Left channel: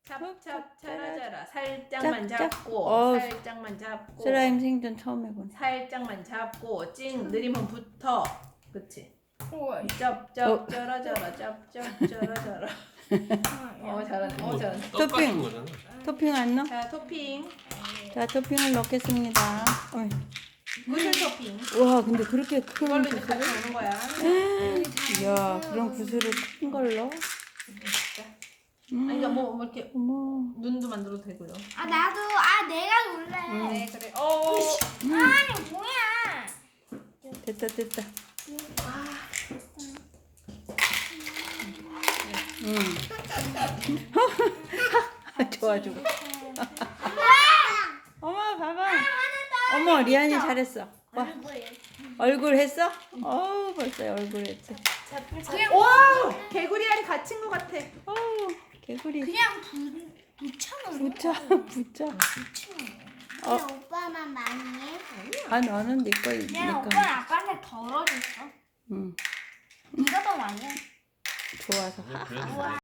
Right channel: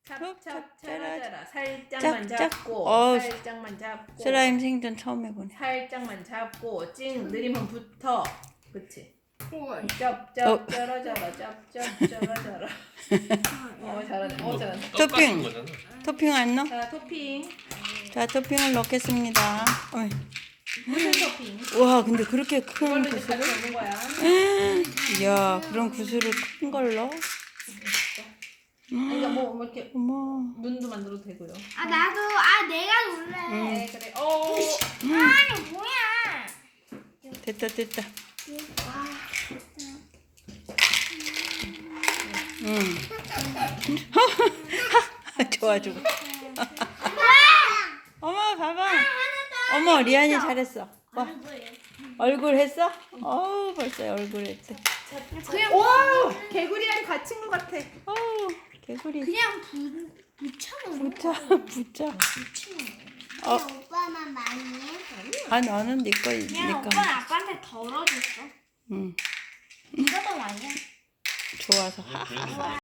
찹찹 짜라짜라. 살짝만 짭짭. 잡고 살짝만 잡고 슬라임 생전 처음 해보네. 살짝만 잡고 찡 느리면 붙어. 그치? 우와. 짭짭 짜라짜라 짭짭 짜라짜라. 잘하네. 잘하네. 토핑. 토핑 안 넣어? 자, 토핑. 자, 토핑을 넣겠습니다. 어이. 무슨 토핑? 와, 근데 그렇게 큰 이걸로 이제 구슬을? 같이 먹는 거야. 이야, 그런 구슬을 큰 걸로? 아니, 그러니까 뭐 이렇게 어머. 눈도 만들어도 되고요. 나도 내가 놀래. 네, 그래. 아니 뭐야? 됐다, 됐다. 좋아, 좋아. 어머, 봐봐. 어머, 리안이 잘했어. 와, 얼굴 했어? 어우, 벌써 얼굴 했어. 와, 개구리랑 갇힌 것 같아. 어우, 개구리. 그냥 붙여놓은 붙자. 그냥 오빠만 많이 해. 아, 너는 네 거, 그냥 네 거. 오빠는 아빠한테 덜어줬어. 응, 네가 더 많이 해. 좋아서.